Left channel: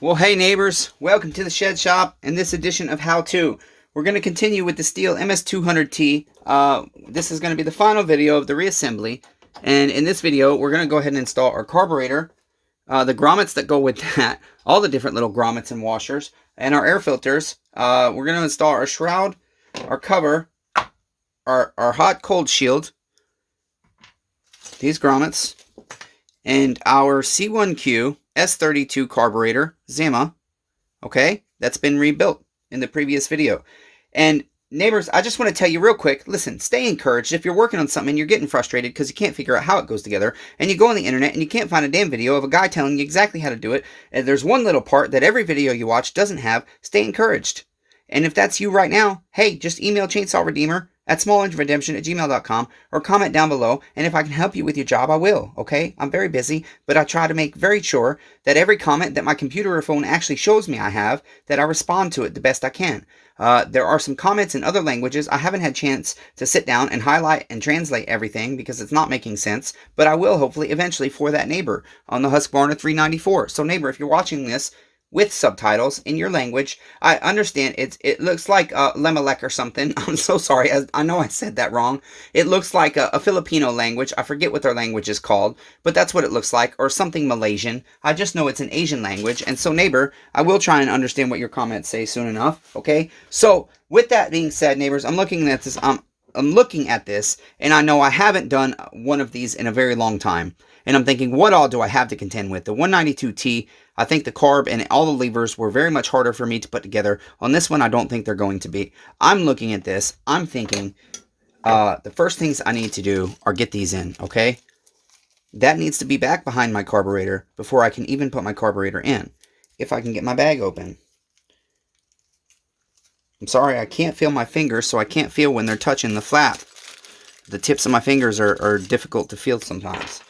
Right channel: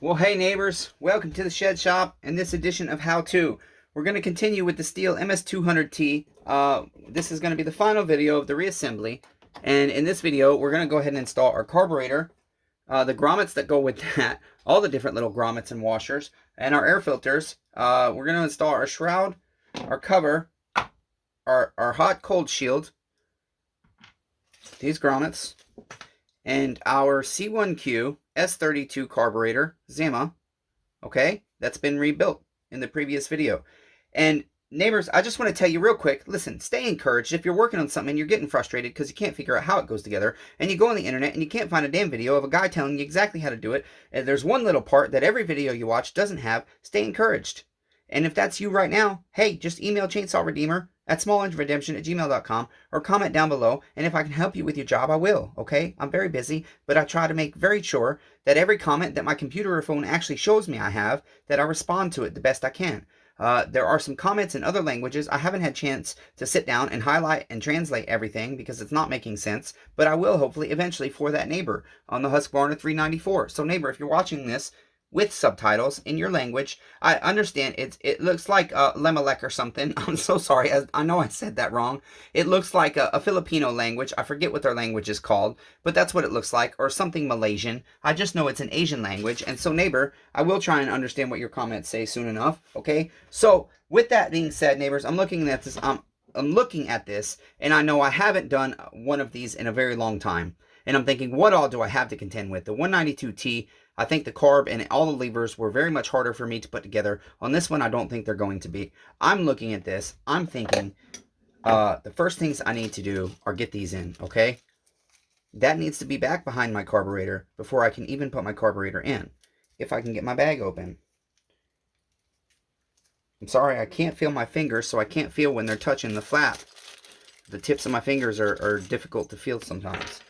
Well, hey neighbors, welcome to the Shed Shop. In this edition of How To, we're going to continue with the Steel MS200T. This is going to be the final video of the reassembly. And in this video, we're going to go ahead and install our carburetor, the grommets that go with that, all the different little grommets and washers, and our air filters. We're going to install our shroud, our cover, our hot cold shield, these grommets, and our C1Q S32 carburetor, Zima, okay, that's been rebuilt in the previous video. And neighbors, I just want to tell you real quick, listen, stay encouraged. If you're working on something and you're getting frustrated because you can't figure out how it goes together, and you go on the internet and you can't find a damn video of a guy telling you exactly how to do it, and there's one little part that every video you watch doesn't have, stay encouraged. And if that's you right now, hey, just email chainsawredeemer@smallengineredemption@gmail.com or comment down below, and if I can help you with your job, I will, okay? I'm very busy, but I try to make very sure that every comment that my computer or phone actually shows me I have, that I respond to it the best I can. There are some comments in other languages. I haven't had a chance to sit down and highlight and translate everything because it's not making sense, but I will hopefully eventually for that neighbor on the Husqvarna 394. So neighbor, if you're watching this with subtitles in your language, I understand it looks like Lemelek or something. I'm so sorry. I know I said that wrong. It looks like a Filipino language. I forget what their language is called, but that's what it looks like, or something Malaysian. I just know it's an Asian language. And so, neighbor, I will try and understand what your comments say soon enough, okay? So, with that being said, neighbors, I'm looking at this, and I know I haven't done one of these in a very long time. And I'm thinking, what all do I have to contend with? The 192T, I think the carb and all the levers were very much harder for me to put together. On this one, I don't think they're going to be. I'm looking at this. I'm thinking the first things I need to do are get these in, okay? That needs to be back behind my carburetor before I can even put my carburetor in. If I can get my bag open. I'm sorry, I can't feel my fingers, so I can't feel when they're touching the flap. The tips of my fingers are difficult to feel sometimes.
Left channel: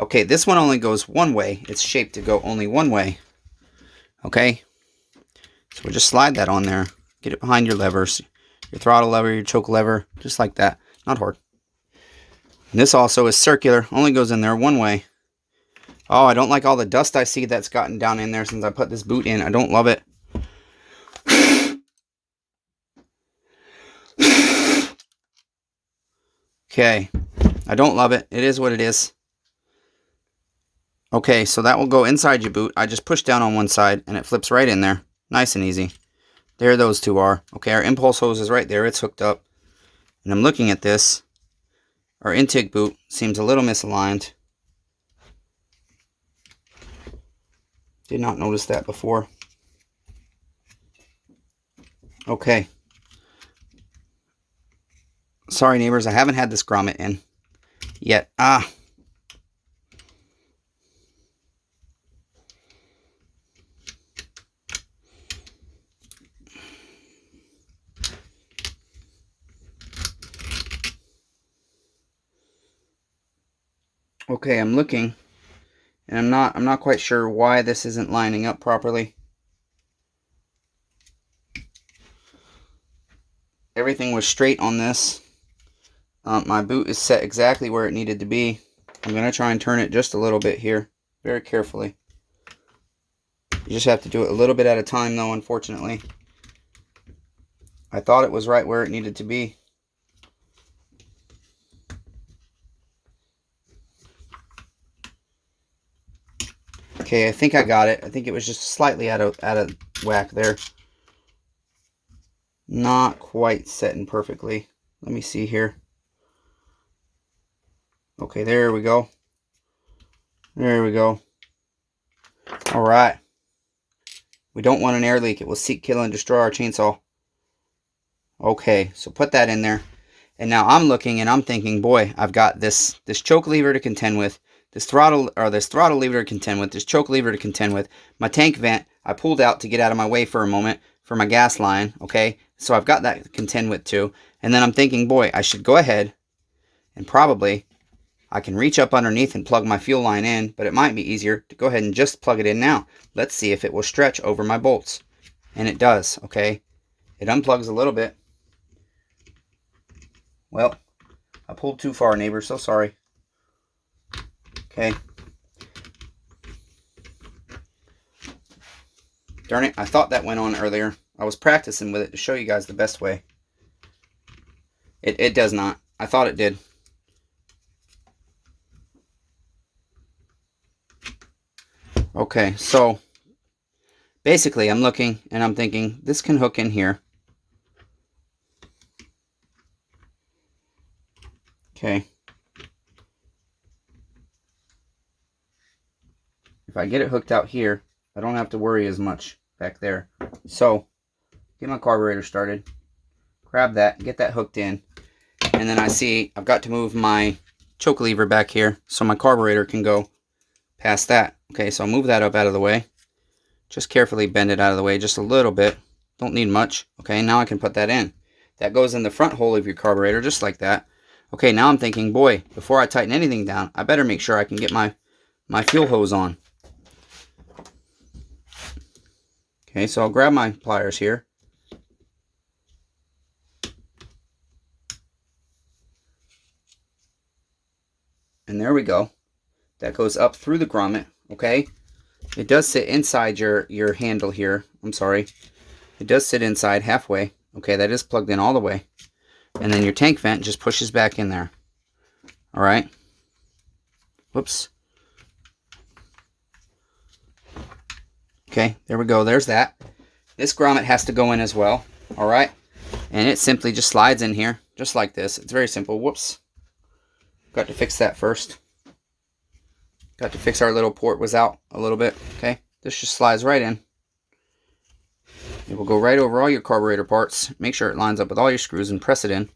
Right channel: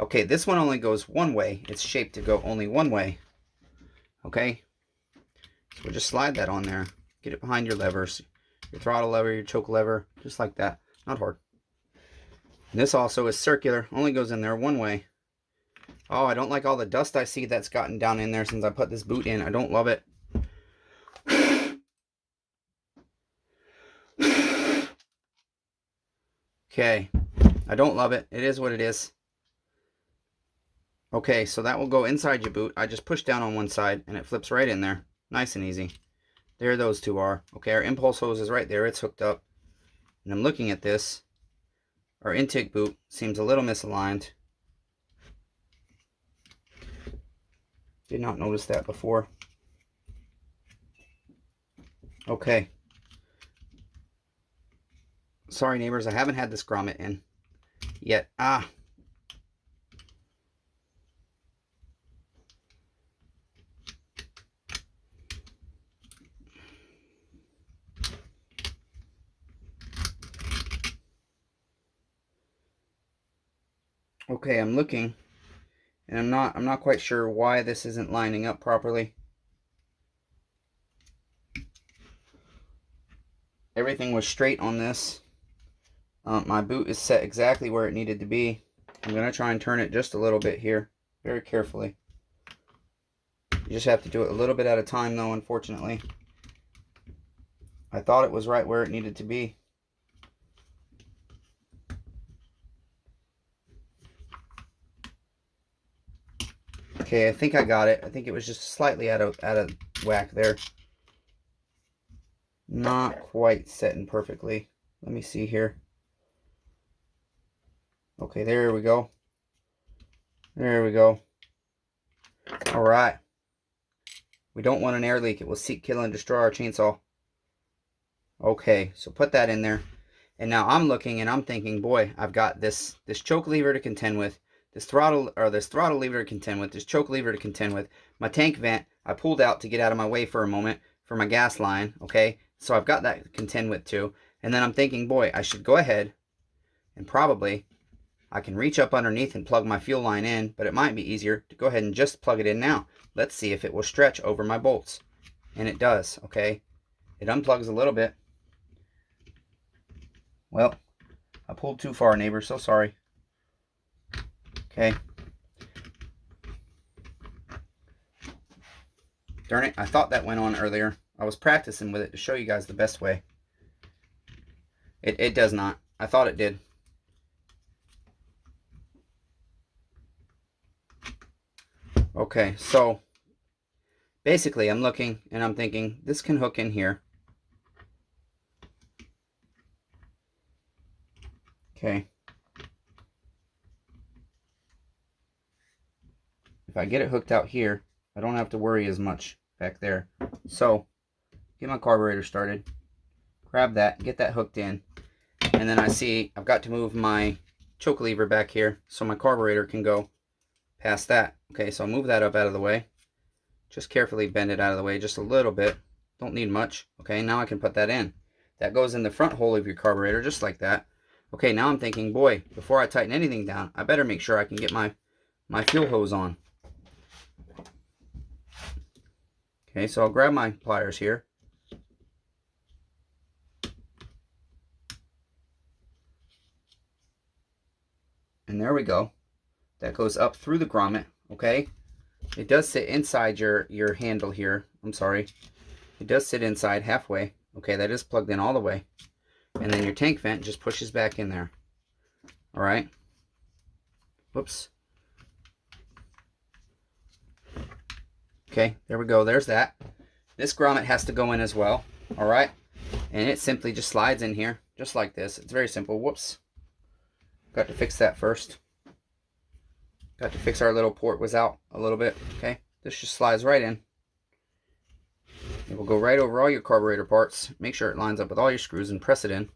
Okay, this one only goes one way. It's shaped to go only one way. Okay? So we'll just slide that on there. Get it behind your levers. Your throttle lever, your choke lever. Just like that. Not hard. And this also is circular. Only goes in there one way. Oh, I don't like all the dust I see that's gotten down in there since I put this boot in. I don't love it. Okay. I don't love it. It is what it is. Okay, so that will go inside your boot. I just push down on one side and it flips right in there. Nice and easy. There those two are. Okay, our impulse hose is right there. It's hooked up. And I'm looking at this. Our intake boot seems a little misaligned. Did not notice that before. Okay. Sorry neighbors, I haven't had this grommet in yet. Okay, I'm looking, and I'm not quite sure why this isn't lining up properly. Everything was straight on this. My boot is set exactly where it needed to be. I'm going to try and turn it just a little bit here, very carefully. You just have to do it a little bit at a time though, unfortunately. I thought it was right where it needed to be. Okay, I think I got it. I think it was just slightly out of whack there. Not quite setting perfectly. Let me see here. Okay, there we go. There we go. All right. We don't want an air leak. It will seek, kill, and destroy our chainsaw. Okay, so put that in there. And now I'm looking and I'm thinking, boy, I've got this choke lever to contend with, this throttle lever to contend with, this choke lever to contend with, my tank vent I pulled out to get out of my way for a moment for my gas line, okay? So I've got that to contend with too. And then I'm thinking, boy, I should go ahead and probably I can reach up underneath and plug my fuel line in, but it might be easier to go ahead and just plug it in now. Let's see if it will stretch over my bolts. And it does, okay? It unplugs a little bit. Well, I pulled too far, neighbor, so sorry. Okay. Darn it, I thought that went on earlier. I was practicing with it to show you guys the best way. It does not. I thought it did. Okay, so basically I'm looking and I'm thinking this can hook in here. Okay. If I get it hooked out here, I don't have to worry as much back there. So, get my carburetor started, grab that, get that hooked in, and then I see I've got to move my choke lever back here so my carburetor can go past that. Okay, so I'll move that up out of the way. Just carefully bend it out of the way just a little bit. Don't need much. Okay, now I can put that in. That goes in the front hole of your carburetor just like that. Okay, now I'm thinking, boy, before I tighten anything down, I better make sure I can get my fuel hose on. Okay, so I'll grab my pliers here. And there we go. That goes up through the grommet, okay? It does sit inside your handle here. I'm sorry. It does sit inside halfway. Okay, that is plugged in all the way. And then your tank vent just pushes back in there. All right. Whoops. Okay, there we go. There's that. This grommet has to go in as well. All right. And it simply just slides in here, just like this. It's very simple. Whoops. Got to fix that first. Got to fix our little port was out a little bit. Okay, this just slides right in. It will go right over all your carburetor parts. Make sure it lines up with all your screws and press it in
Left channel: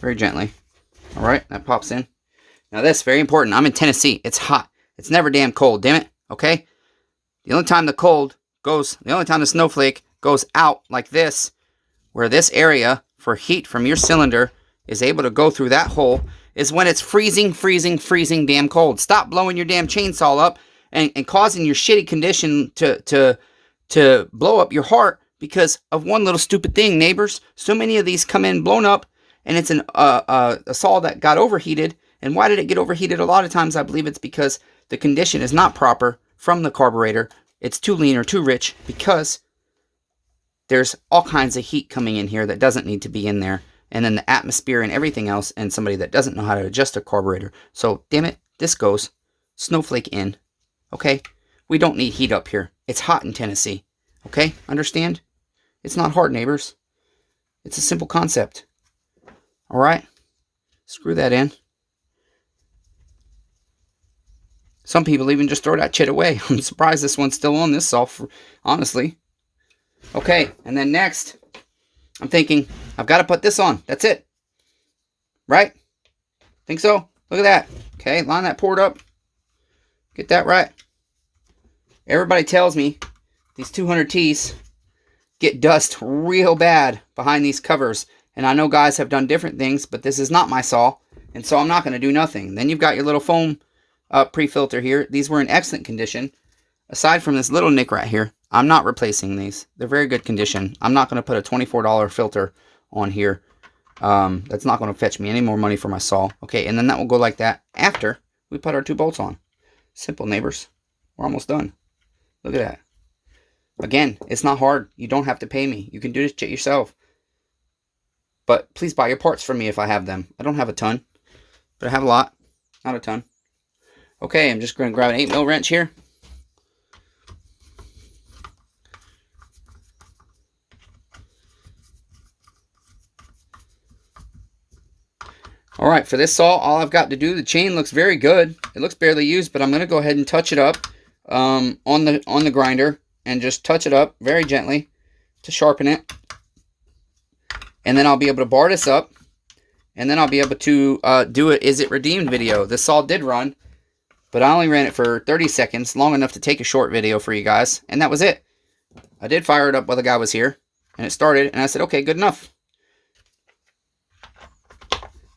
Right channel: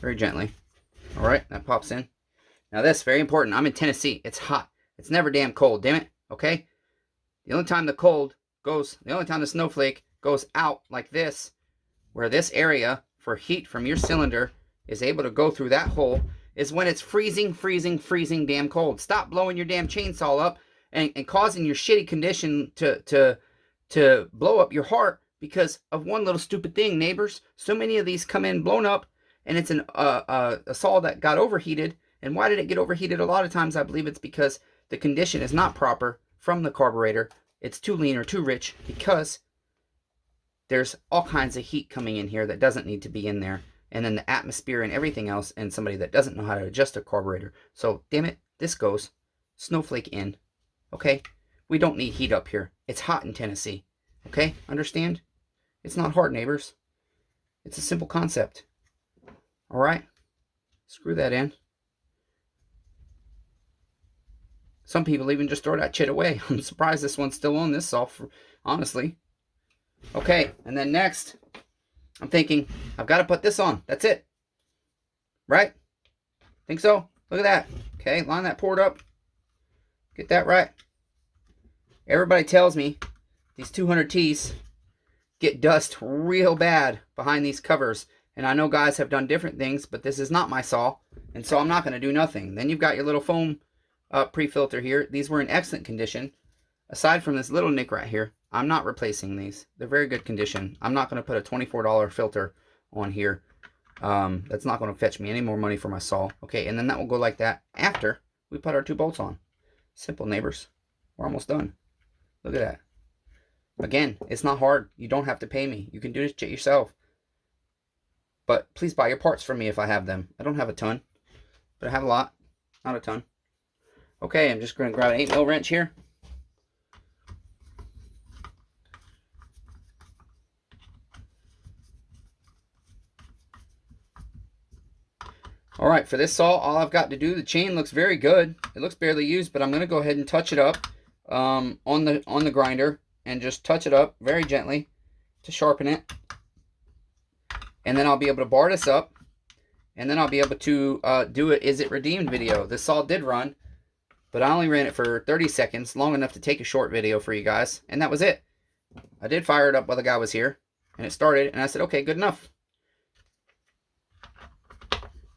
very gently. All right, that pops in. Now this, very important. I'm in Tennessee. It's hot. It's never damn cold, damn it. Okay? The only time the snowflake goes out like this, where this area for heat from your cylinder is able to go through that hole, is when it's freezing damn cold. Stop blowing your damn chainsaw up and causing your shitty condition to blow up your heart because of one little stupid thing, neighbors. So many of these come in blown up, and it's a saw that got overheated. And why did it get overheated? A lot of times I believe it's because the condition is not proper from the carburetor. It's too lean or too rich because there's all kinds of heat coming in here that doesn't need to be in there. And then the atmosphere and everything else, and somebody that doesn't know how to adjust a carburetor. So, damn it, this goes snowflake in. Okay? We don't need heat up here. It's hot in Tennessee. Okay? Understand? It's not hard, neighbors. It's a simple concept. All right? Screw that in. Some people even just throw that chit away. I'm surprised this one's still on this saw, honestly. Okay, and then next, I'm thinking, I've got to put this on. That's it. Right? Think so? Look at that. Okay, line that port up. Get that right. Everybody tells me these 200Ts get dust real bad behind these covers. And I know guys have done different things, but this is not my saw. And so I'm not going to do nothing. Then you've got your little foam pre-filter here. These were in excellent condition. Aside from this little nick right here, I'm not replacing these. They're very good condition. I'm not going to put a $24 filter on here. That's not going to fetch me any more money for my saw. Okay, and then that will go like that after we put our 2 bolts on. Simple, neighbors. We're almost done. Look at that. Again, it's not hard. You don't have to pay me. You can do this shit yourself. But please buy your parts from me if I have them. I don't have a ton, but I have a lot. Not a ton. Okay, I'm just going to grab an 8mm wrench here. Alright, for this saw, all I've got to do, the chain looks very good. It looks barely used, but I'm going to go ahead and touch it up on the grinder and just touch it up very gently to sharpen it. And then I'll be able to bar this up, and then I'll be able to do a Is It Redeemed video. This saw did run, but I only ran it for 30 seconds, long enough to take a short video for you guys, and that was it. I did fire it up while the guy was here, and it started, and I said, okay, good enough.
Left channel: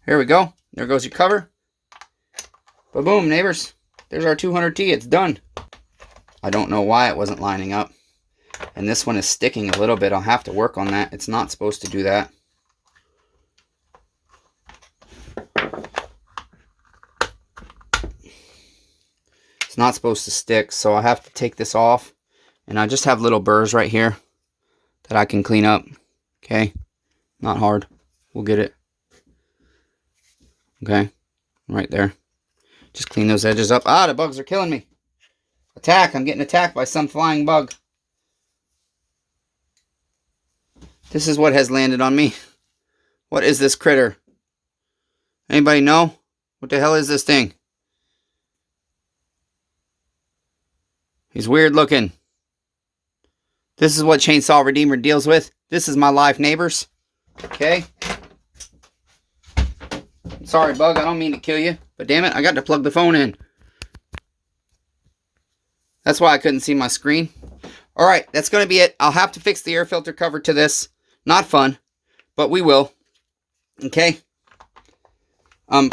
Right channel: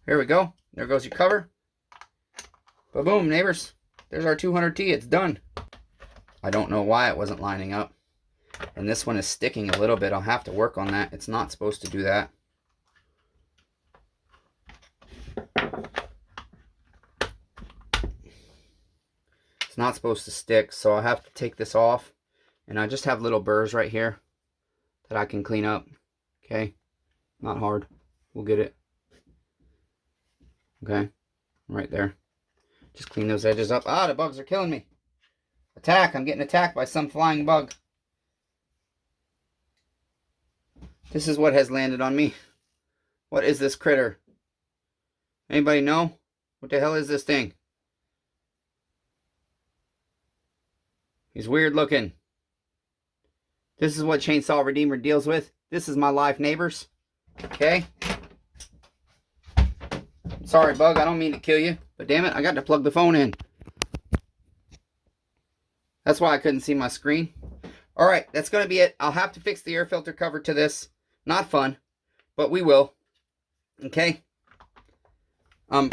Here we go. There goes your cover. Ba-boom, neighbors. There's our 200T. It's done. I don't know why it wasn't lining up. And this one is sticking a little bit. I'll have to work on that. It's not supposed to do that. It's not supposed to stick, so I have to take this off And I just have little burrs right here that I can clean up. Okay, not hard. We'll get it. Okay, right there. Just clean those edges up. Ah, the bugs are killing me. Attack, I'm getting attacked by some flying bug. This is what has landed on me. What is this critter? Anybody know? What the hell is this thing? He's weird looking. This is what Chainsaw Redeemer deals with. This is my life, neighbors. Okay? Sorry, bug, I don't mean to kill you. But damn it, I got to plug the phone in. That's why I couldn't see my screen. Alright, that's going to be it. I'll have to fix the air filter cover to this. Not fun, but we will. Okay?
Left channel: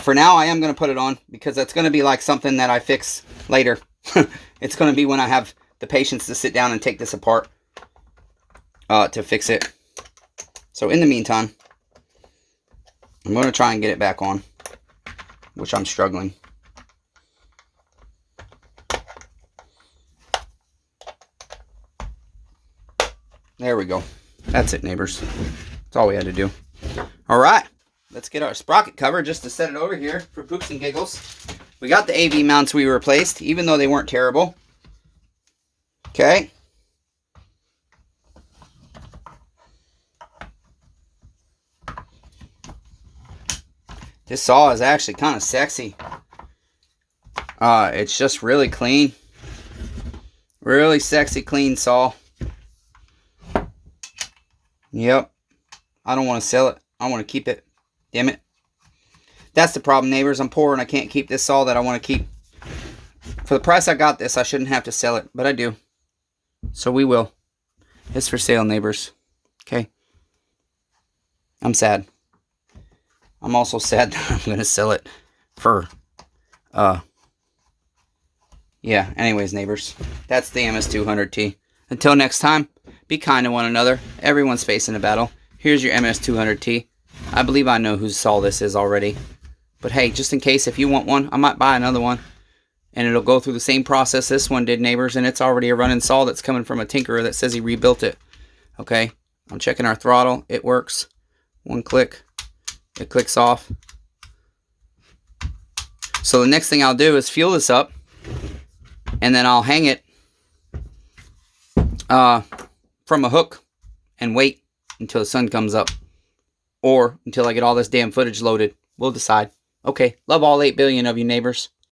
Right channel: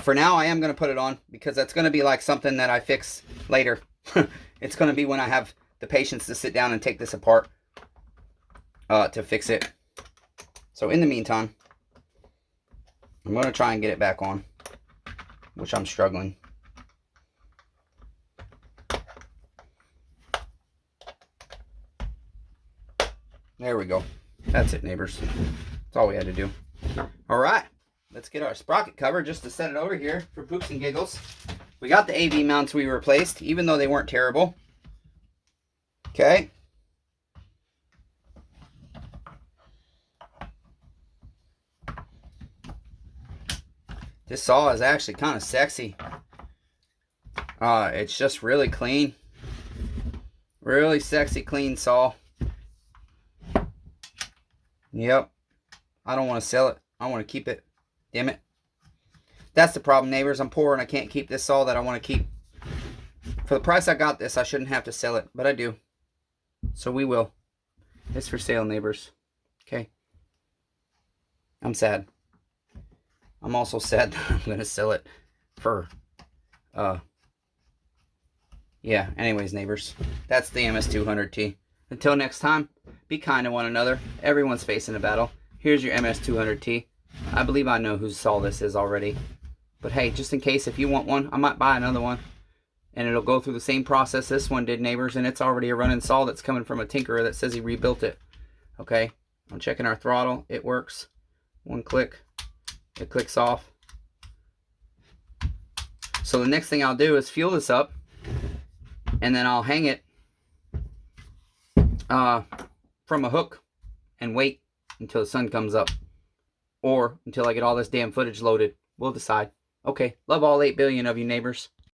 For now, I am going to put it on because that's going to be like something that I fix later. It's going to be when I have the patience to sit down and take this apart to fix it. So in the meantime, I'm going to try and get it back on, which I'm struggling. There we go. That's it, neighbors. That's all we had to do. All right. Let's get our sprocket cover just to set it over here for poops and giggles. We got the AV mounts we replaced, even though they weren't terrible. Okay. This saw is actually kind of sexy. It's just really clean. Really sexy, clean saw. Yep. I don't want to sell it. I want to keep it. Damn it. That's the problem, neighbors. I'm poor and I can't keep this saw that I want to keep. For the price I got this, I shouldn't have to sell it, but I do. So we will. It's for sale, neighbors. Okay. I'm sad. I'm also sad that I'm going to sell it for, yeah, anyways, neighbors. That's the MS200T. Until next time, be kind to one another. Everyone's facing a battle. Here's your MS200T. I believe I know whose saw this is already. But hey, just in case, if you want one, I might buy another one. And it'll go through the same process this one did, neighbors. And it's already a running saw that's coming from a tinkerer that says he rebuilt it. Okay, I'm checking our throttle. It works. One click. It clicks off. So the next thing I'll do is fuel this up. And then I'll hang it from a hook and wait until the sun comes up. Or until I get all this damn footage loaded. We'll decide. Okay, love all 8 billion of you, neighbors.